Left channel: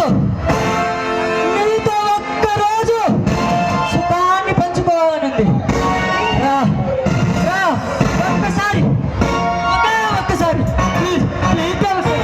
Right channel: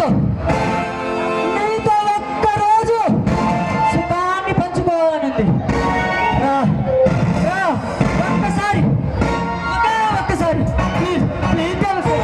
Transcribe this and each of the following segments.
నీతో నీతో ఒక్కరోజు సుఖాన్ని పంచుకోవాలండి. రా రా ఒక్కసారి ఒక్కసారి ప్లీజ్ ప్లీజ్ తెలుసు.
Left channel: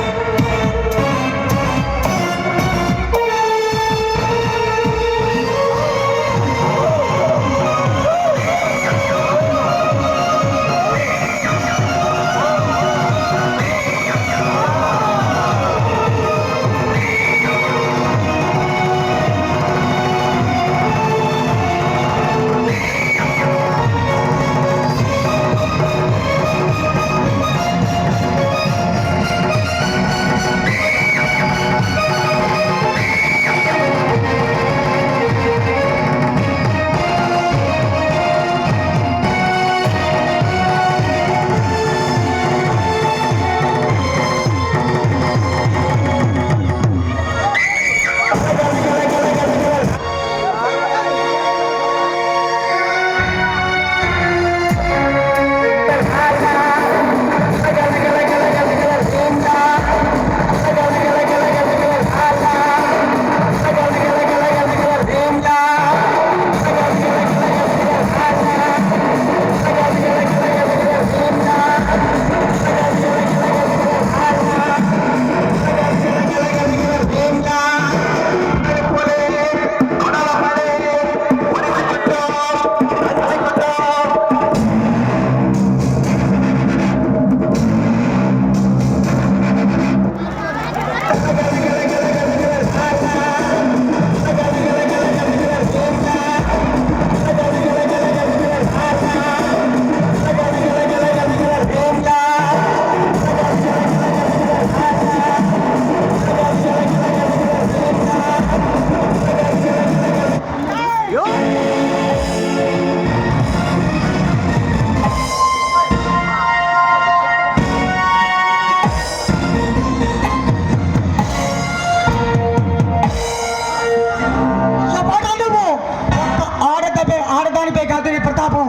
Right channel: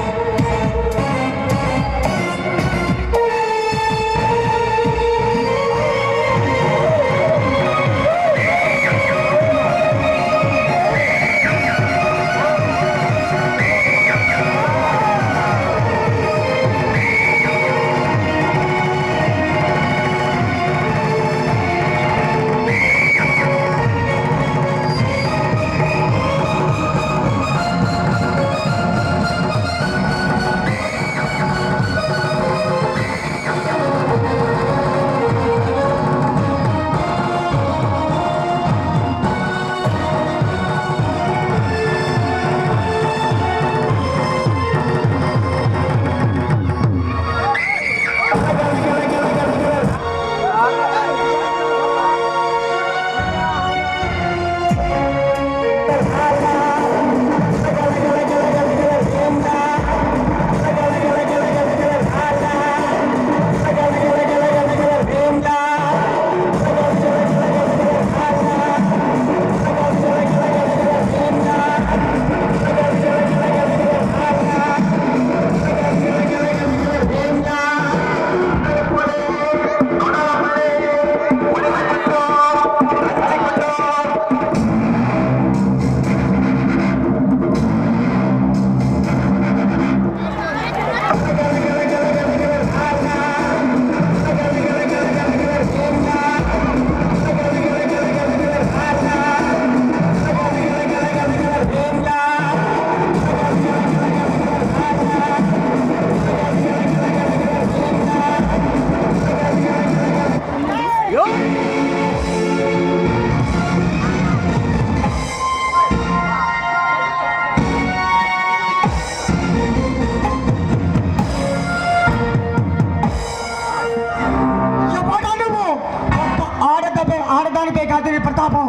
ఆడదానిపై కాదు నీ ప్రతాపం.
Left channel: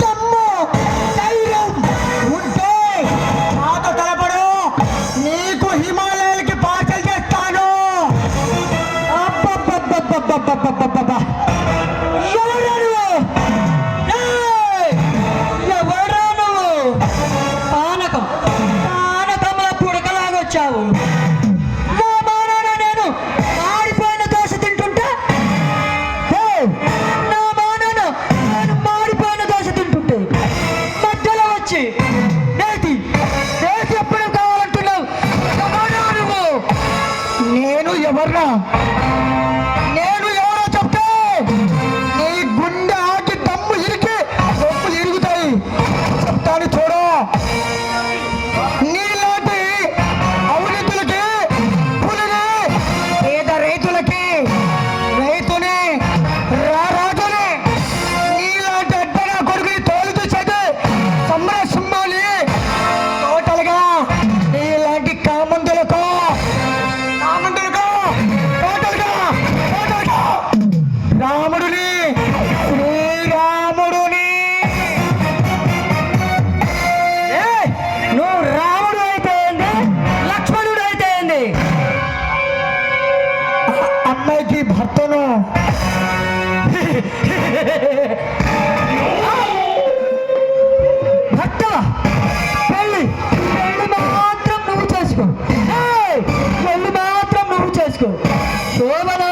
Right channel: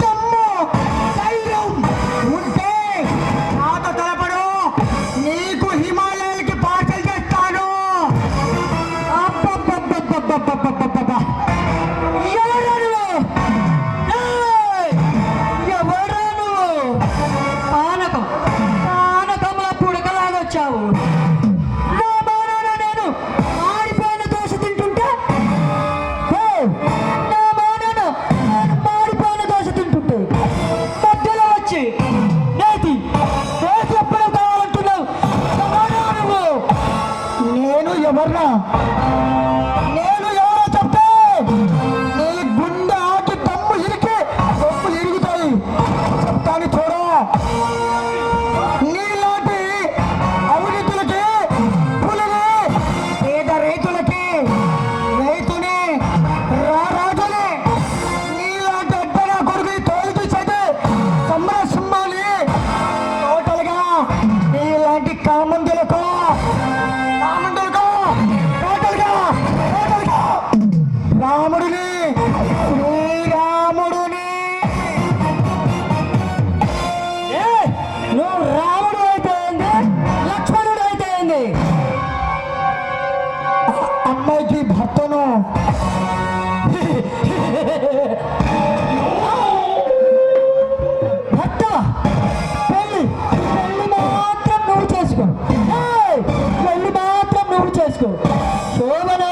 దమ్ము ధైర్యం ఉంటే నాతో తలపడు, నీకు హిమాలయాలకి పార్సల్ చేస్తాను. అబ్బబ్బబ్బబ్బబ్బబ్బబ్బబ్బబ్బ ఎవరా నువ్వు? ఎవరా నువ్వు? పానకంలో పుడకలాగొచ్చావు. నేను ఎవరో చెప్తే నీ గుండె ఆకి దమ్ము ఇరికి రొప్పులు ఇరుగుతాయి. చెప్తాను చూడు. నీలాంటి అవినీతులకి పులిని, పేద రైతులకి రైతుని, రారాజుని, నీలాంటి అడ్డన కొడుకుని తోలు చూసేది సమరసింహాలి. టోటల్గా నీలాంటి కామందులకు రాముడిని, శ్రీరాముడిని, నువ్వు రాముడు అయితే ఏంది, లక్ష్మణుడు అయితే ఏంది? అమ్మాయికి భర్తను భర్త పెళ్ళి మాత్రం నువ్వు చేసుకో. పెళ్ళి మాత్రం నువ్వు చేసుకో. శోభన